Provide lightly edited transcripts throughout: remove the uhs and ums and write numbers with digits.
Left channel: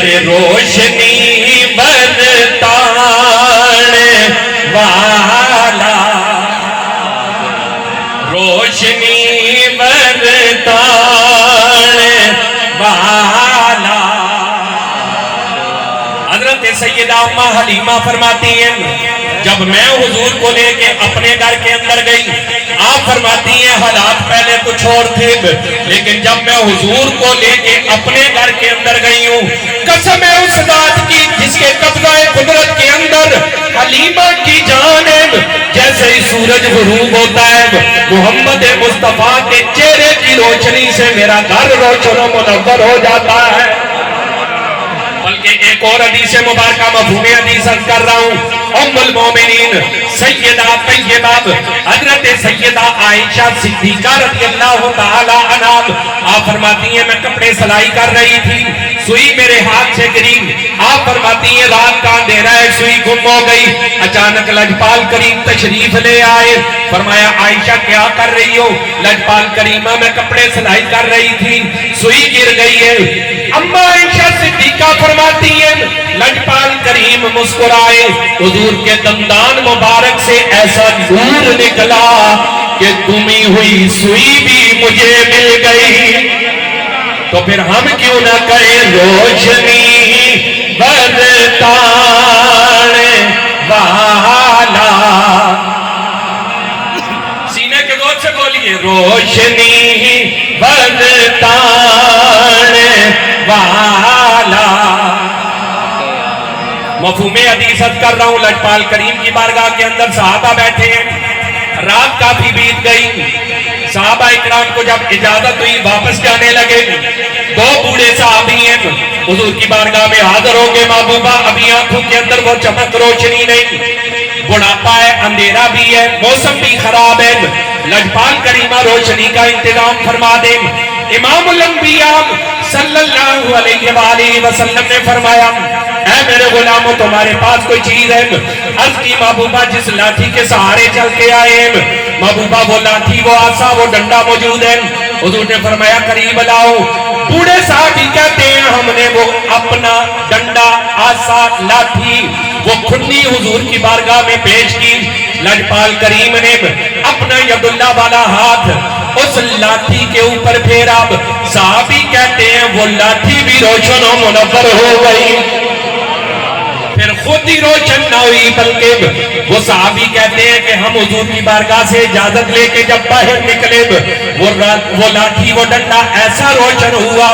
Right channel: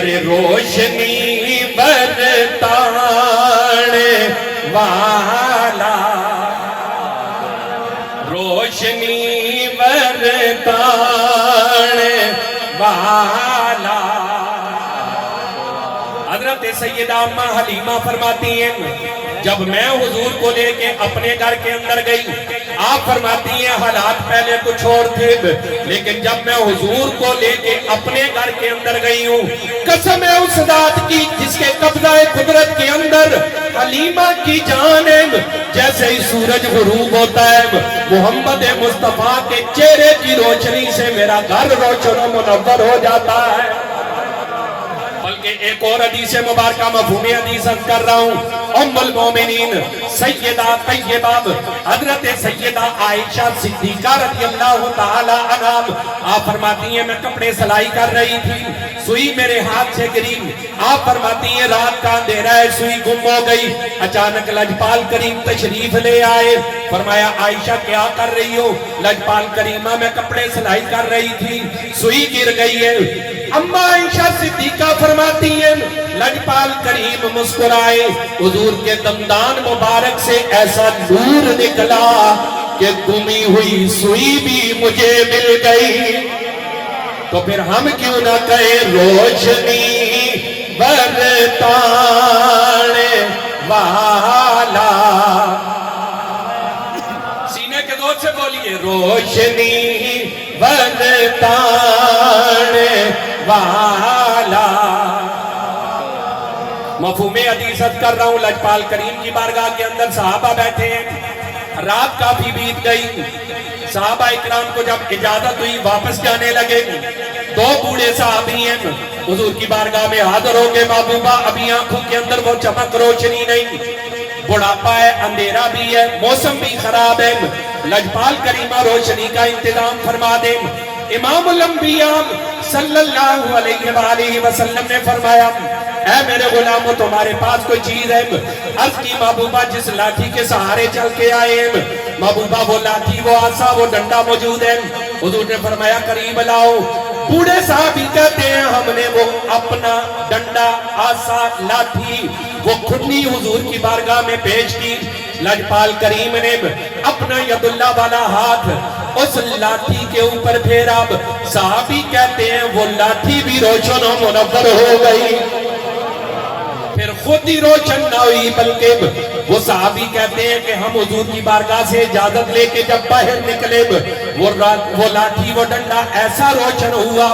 ارے روشنی برتانے والا، روشنی برتانے والا۔ حضرت سیدہ اماں حلیمہ فرماتی ہیں جب میں حضور کو لے کے اپنے گھر کے اندر گئی، آپ فرماتی ہیں حالات پہلے کچھ اور تھے، لیکن جب میں حضور کو لے کے اپنے گھر کے اندر گئی ہوں، قسم ہے اس ذات کی جس کے قبضہ قدرت کے اندر حلیمہ کی جان ہے، جیسے ہی سورج غروب ہوتا ہے محمد مصطفیٰ کے چہرے کی روشنی سے میرا گھر روشن و منور ہو جاتا ہے۔ بلکہ ایک اور حدیث مبارکہ مفہوم حدیث کر رہا ہوں، ام المومنین سیدہ طیبہ حضرت سیدہ عائشہ صدیقہ رضی اللہ تعالی عنہا آپ فرماتی ہیں میں کپڑے سلائی کر رہی تھی، سوئی میرے ہاتھ سے گری، آپ فرماتی ہیں رات کا اندھیرا ہے، سوئی گم ہو گئی، اچانک لجپال کریم تشریف لے آئے، فرمایا عائشہ کیا کر رہی ہو؟ لجپال کریمہ میں کپڑے سلائی کر رہی تھی، سوئی گر گئی ہے۔ اماں عائشہ صدیقہ فرماتی ہیں لجپال کریم مسکرائے، حضور کے دندان مبارک سے ایسا نور نکلا کہ گمی ہوئی سوئی بھی مجھے مل گئی۔ تو پھر ہم کیوں نہ کہیں روشنی برتانے والا، سینے کے دور سے بولیے روشنی برتانے والا۔ مفہوم حدیثت کر رہا ہوں، لجپال کریم کی بارگاہ کے اندر صحابہ بیٹھے ہیں، رات کافی بیت گئی، صحابہ اکرام کو جب اجازت ہوئی واپس جانے لگے، دو بوڑھے صحابی ہیں حضور کی بارگاہ میں حاضر ہوں گے، محبوبہ ابھی آنکھوں کے اندر وہ چمک روشنی نہیں، بڑھاپا ہے، اندھیرا بھی ہے، موسم بھی خراب ہے، لجپال کریمہ روشنی کا انتظام فرما دیں۔ امام الانبیاء صلی اللہ علیہ وآلہ وسلم نے فرمایا اے میرے غلاموں تمہارے پاس کوئی چیز ہے؟ عرض کی محبوبہ جس لاٹھی کے سہارے چل کے آئے ہیں، محبوبہ وہ لاٹھی وہ آسا وہ ڈنڈا موجود ہے، حضور نے فرمایا قریب لاؤ۔ بوڑھے صحابی کہتے ہیں ہم نے وہ اپنا ڈنڈا آسا لاٹھی وہ کھنی حضور کی بارگاہ میں پیش کی، لجپال کریم نے اپنا ید اللہ والا ہاتھ اس لاٹھی کے اوپر پھیرا، صحابی کہتے ہیں وہ لاٹھی بھی روشن و منور ہو گئی، پھر خود ہی روشن نہ ہوئی بلکہ وہ صحابی کہتے ہیں کہ ہم حضور کی بارگاہ سے اجازت لے کے جب باہر نکلے وہ لاٹھی وہ ڈنڈا ایسا روشن ہوا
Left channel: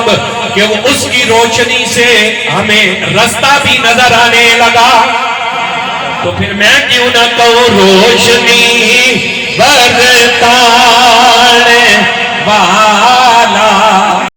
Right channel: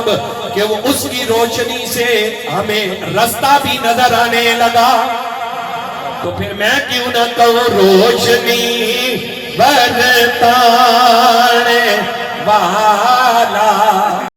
کہ وہ اس کی روشنی سے ہمیں رستہ بھی نظر آنے لگا۔ تو پھر میں کیوں نہ کہوں روشنی برتا